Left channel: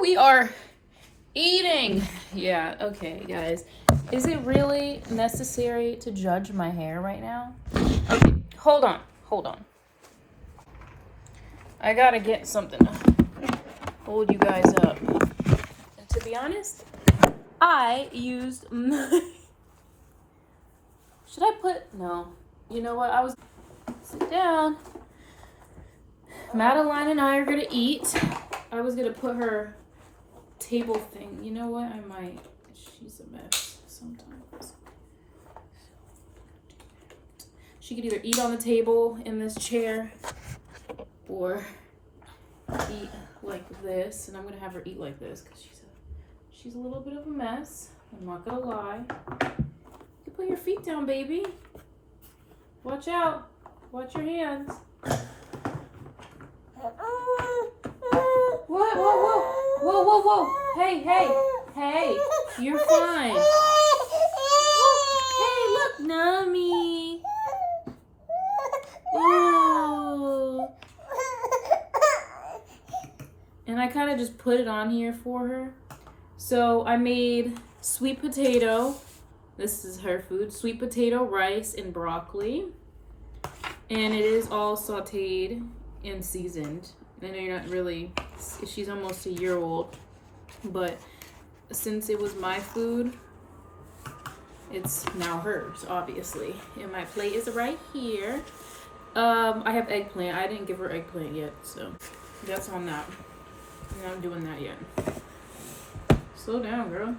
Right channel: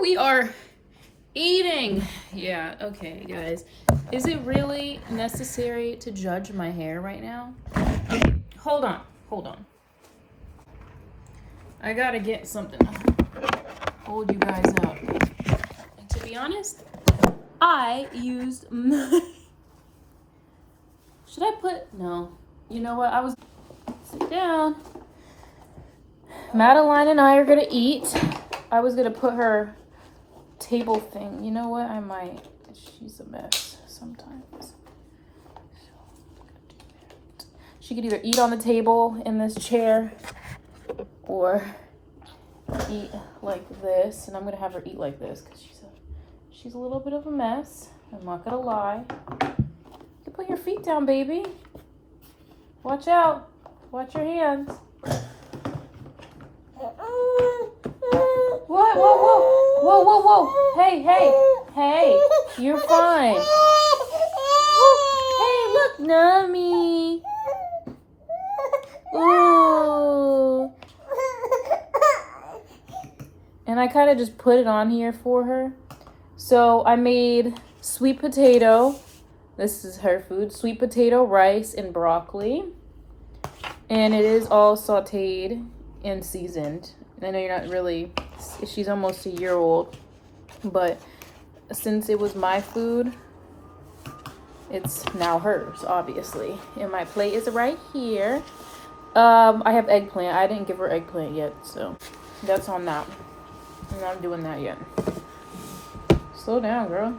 We are eating. Yeah, okay, guys. Is it really necessary to judge my hair right now? Okay, hold on. I gotta get something to hold you guys up. And to be honest, I used... Should I put... No. You know what? Sit down. Madeline and I are gonna eat. I was gonna put her table thing. You know what? I might. She's a mess sometimes. She could either eat on the table in this chair or eat like this. And I'm gonna have her eat like this because she's a little bit of a mess. I'm not gonna lie. You can put your feet down, baby. Watch out. Watch your hands. What? Whoa. Hey. You're fine. Hey, look, Nummy. Ooh. And I kind of just put it on here for her. So I made sweet potato. This is her food. Sweet potato, rice, and broccoli. And it is all sauteed and seasoned. I know you're not really, she's almost a year old, but since it was my food, it's now hers, obviously. And my plate is right here. I have eggplant. I didn't give her eggplant yet, so that's on that. I'm not doing that yet. Slow down, girl.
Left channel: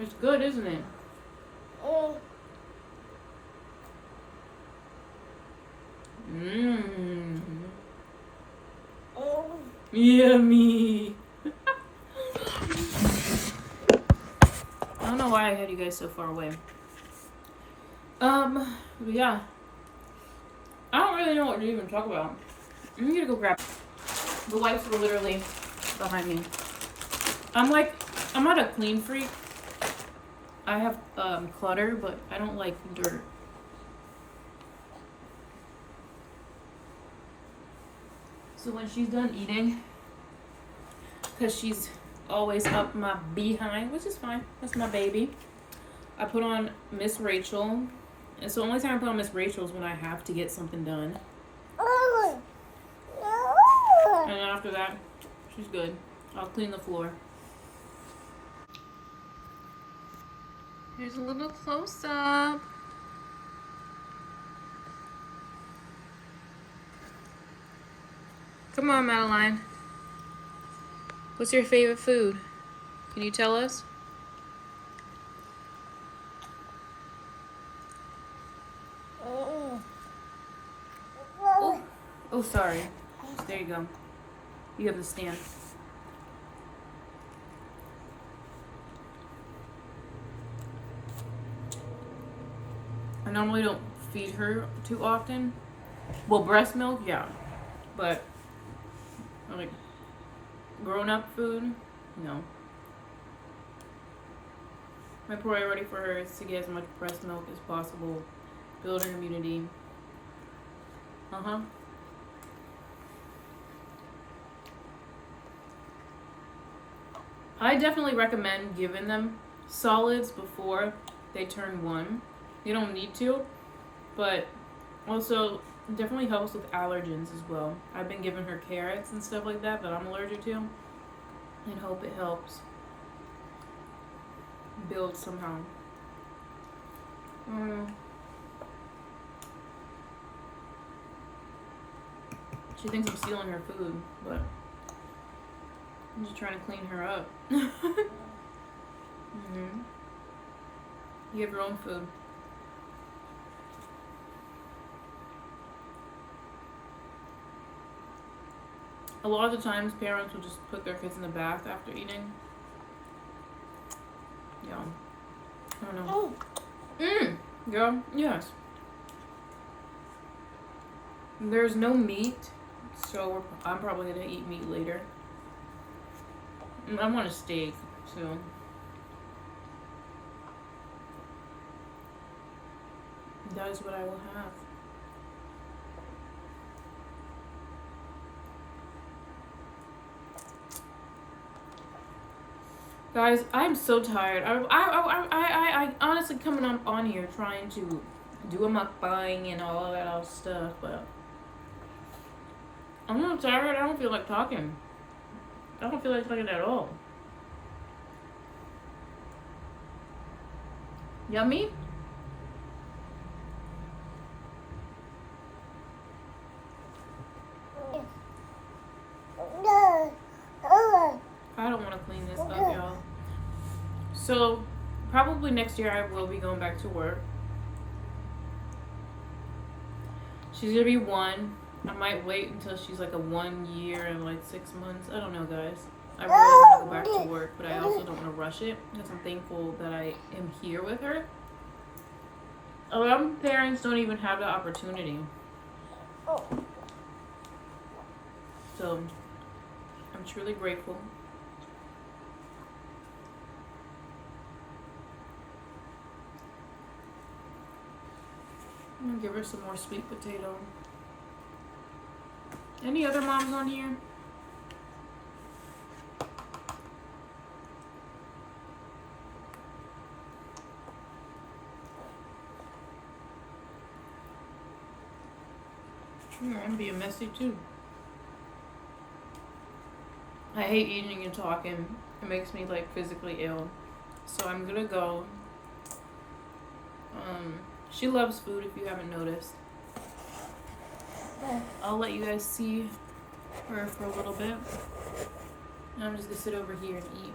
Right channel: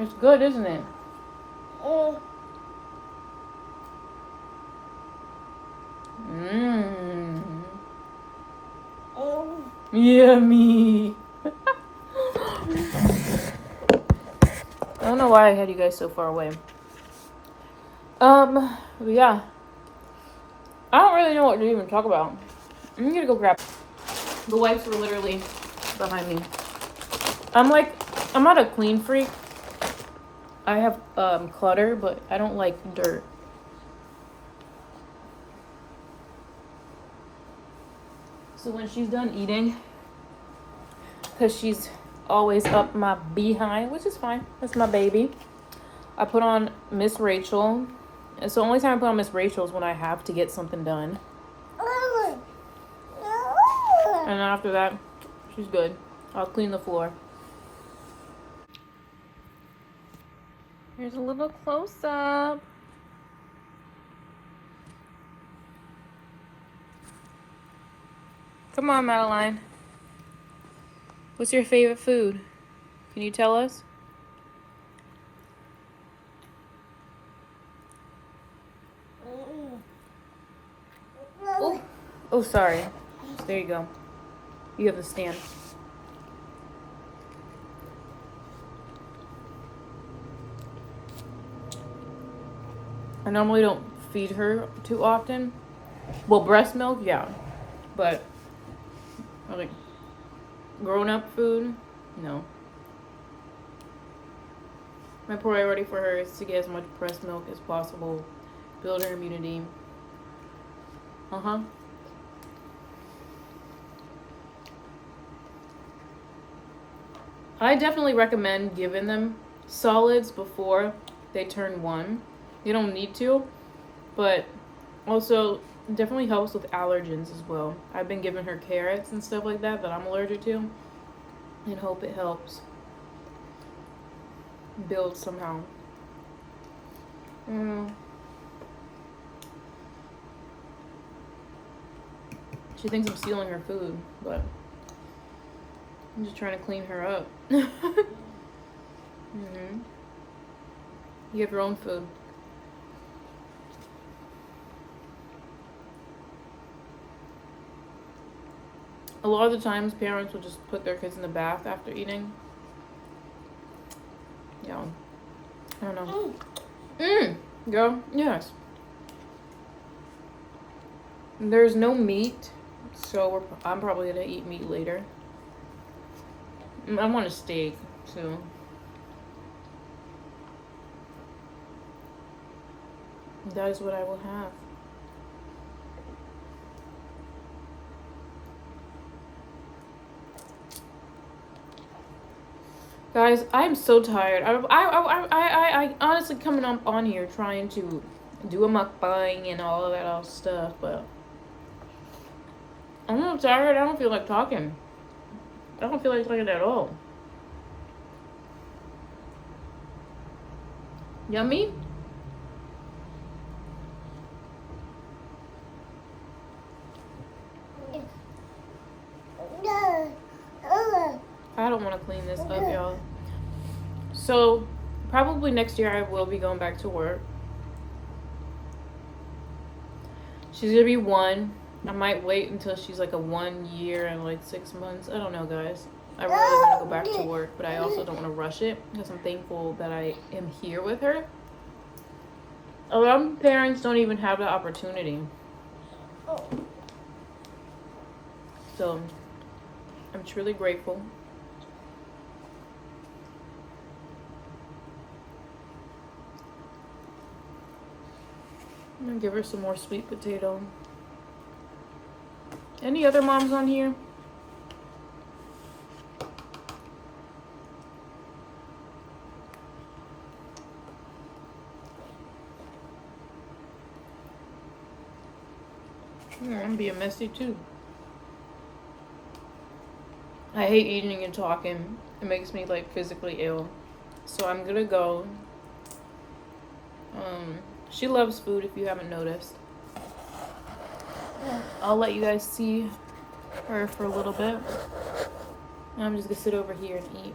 It's good, isn't it? Yummy. I don't know why I had you guys so far away. Yeah. I don't really know what to even talk about. I'm gonna go grab. The wipes were literally behind me. I'm not a clean freak. I have clutter, but I don't like dirt. So when she's done eating, because she's always up my behind, which is fine. That's my baby. I put on Miss Rachel. And so the only time I put on Miss Rachel is when I have to get something done. And then after that, she's good. I'll clean the floor. Here's a little close-up. Come on, Madeline. What's your favorite food? Can you tell us? Oh, sorry. There you go. You have the stand. I normally don't feed her too often. Well, breast milk, yeah. But, like, grown-up food, no. My priority for her is to get as much breast milk as possible. Build her immunity. I definitely recommend giving them solids before they turn 1. You don't need to, but also definitely helps with allergens as well. I've been giving her carrots and stuff like that I'm allergic to, and hope it helps build somehow. She thinks I'm stealing her food, but I'm just trying to clean her up. You have your own food. A lot of the times, parents will just put their kids in the bath after eating. Yeah. I don't know. Girl, yes. There's no meat, so I'm probably gonna eat meat later. I want a steak, so. That is what I will have. Guys, I'm so tired. I honestly coming up on here trying to do a mukbang and all of that other stuff, but I'm not tired. I don't feel like talking. I don't feel like talking at all. Yummy? I don't want to clean this up, y'all. So, probably next year I will be going back to work. She's gonna be 1. I might wait until she's like a 1 year and like 6 months. I don't know, guys. I really want to go back to work, but I also don't want to rush it because I'm thankful that I am here with her. A lot of parents don't even have the opportunity. So, I'm truly grateful. I'm gonna give her some more sweet potato. Any other moms on here? I'm being messy too. I hate eating and talking. It makes me like physically ill. So I'm gonna go. She loves food if you haven't noticed. I'll let you guys see her for a little bit. And I'm just gonna sit over here and eat.